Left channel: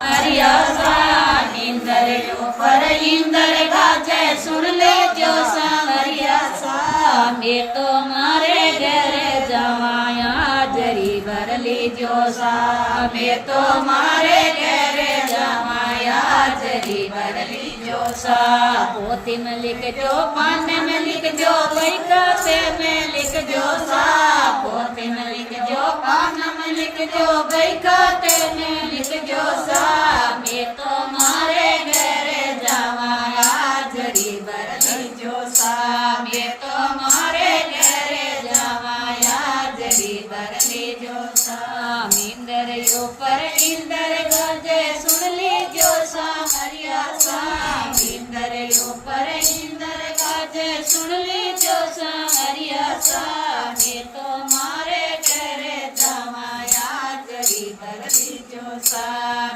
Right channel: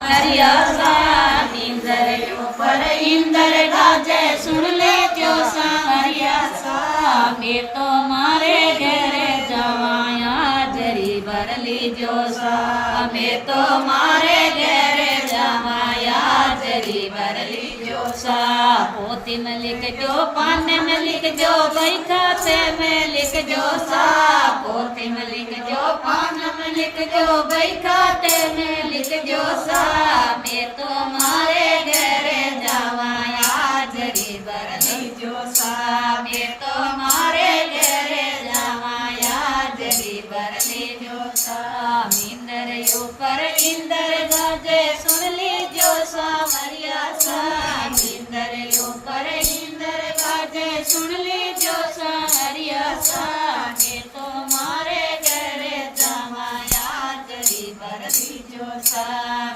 हरिया सा इंदर ऊपर इंदर गाजे सुन ले जो सांवरिया सा मैं तो मारे घरे जमाया जरी भरली जो सा मैं तो मारे घरे जमाया जरी भरली जो सा पोती में लिख जो पाने में लिख जो बैठा से में लिख जो सा पोती में लिख जो पाने में लिख जो बैठा ते में लिख जो सा मैं तो मारे घरे जमाया जरी भरली जो सा मैं तो मारे घरे जमाया जरी भरली जो सा इंदर ऊपर इंदर गाजे सुन ली जो सांवरिया सा इंदर ऊपर इंदर गाजे सुन ली जो सांवरिया सा मैं तो मारे घरे जमाया जरी भरली जो सा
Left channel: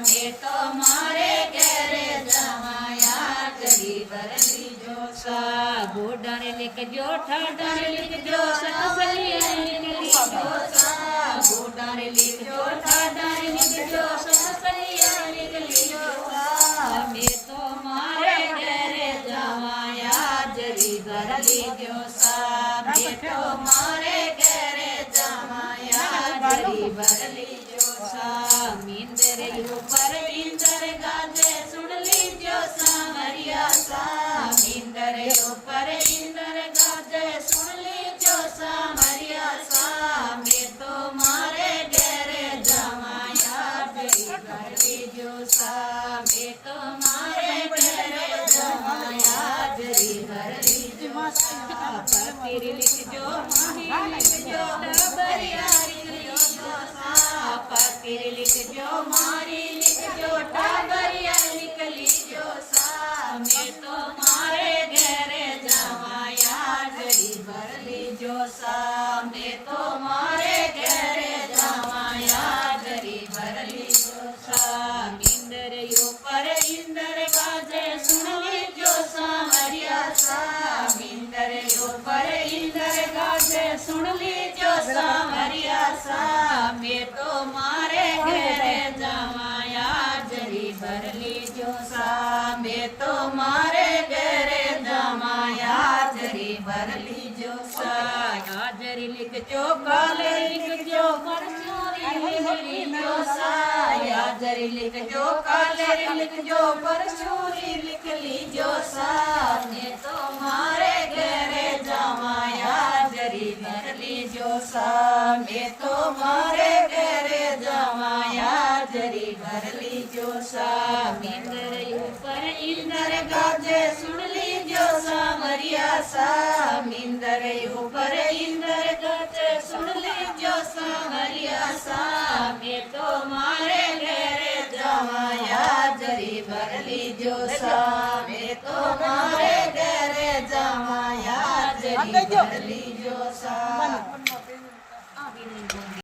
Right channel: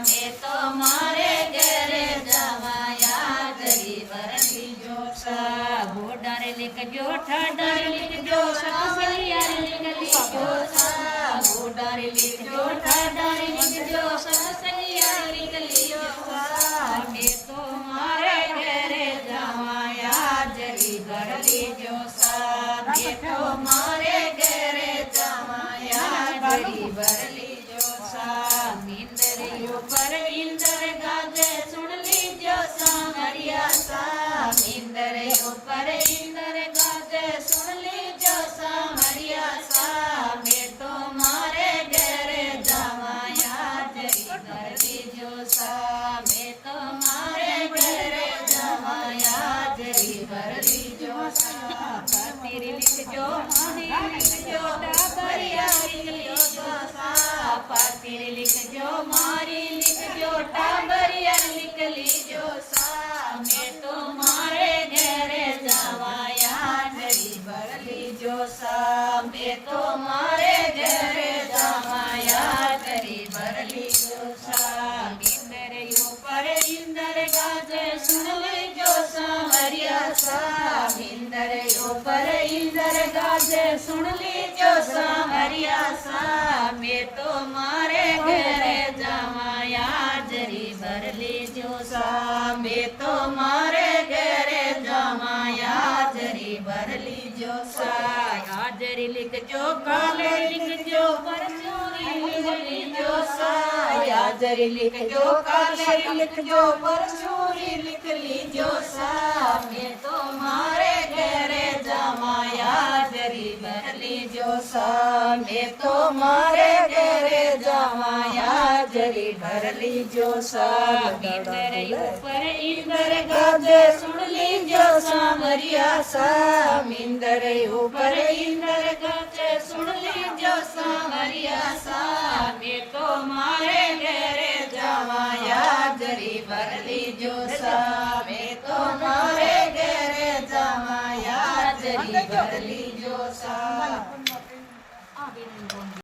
मैं तो मारे घरे जमाया जरी भरली जो सा गोडारे लिख जो ठाडारे लिख जो सांवरिया लिख जो सा गोडारे लिख जो ठाडारे लिख जो सांवरिया लिख जो सा मैं तो मारे घरे जमाया जरी भरली जो सा मैं तो मारे घरे जमाया जरी भरली जो सा इंदर ऊपर इंदर गाजे सुन ली जो सांवरिया सा इंदर ऊपर इंदर गाजे सुन ली जो सांवरिया सा मैं तो मारे घरे जमाया जरी भरली जो सा मैं तो मारे घरे जमाया जरी भरली जो सा तेरी लिख जो लिख जो हरियारी जो सा तेरी लिख जो मारी लिख जो टाबरिया लिख ली जो सा मैं तो मारे घरे जमाया जरी भरली जो सा मैं तो मारे घरे जमाया जरी भरली जो सा इंदर ऊपर इंदर गाजे सुन ली जो सांवरिया सा इंदर ऊपर इंदर गाजे सुन ली जो सांवरिया सा मैं तो मारे घरे जमाया जरी भरली जो सा मैं तो मारे घरे जमाया जरी भरली जो सा हाजरी लिख जो काले लिख जो परचूरी लिख ली जो सा हाजरी लिख जो काले लिख जो परचूरी लिख ली जो सा मैं तो मारे घरे जमाया जरी भरली जो सा मैं तो मारे घरे जमाया जरी भरली जो सा इंदर ऊपर इंदर गाजे सुन ली जो सांवरिया सा इंदर ऊपर इंदर गाजे सुन ली जो सांवरिया सा मैं तो मारे घरे जमाया जरी भरली जो सा मैं तो मारे घरे जमाया जरी भरली जो सा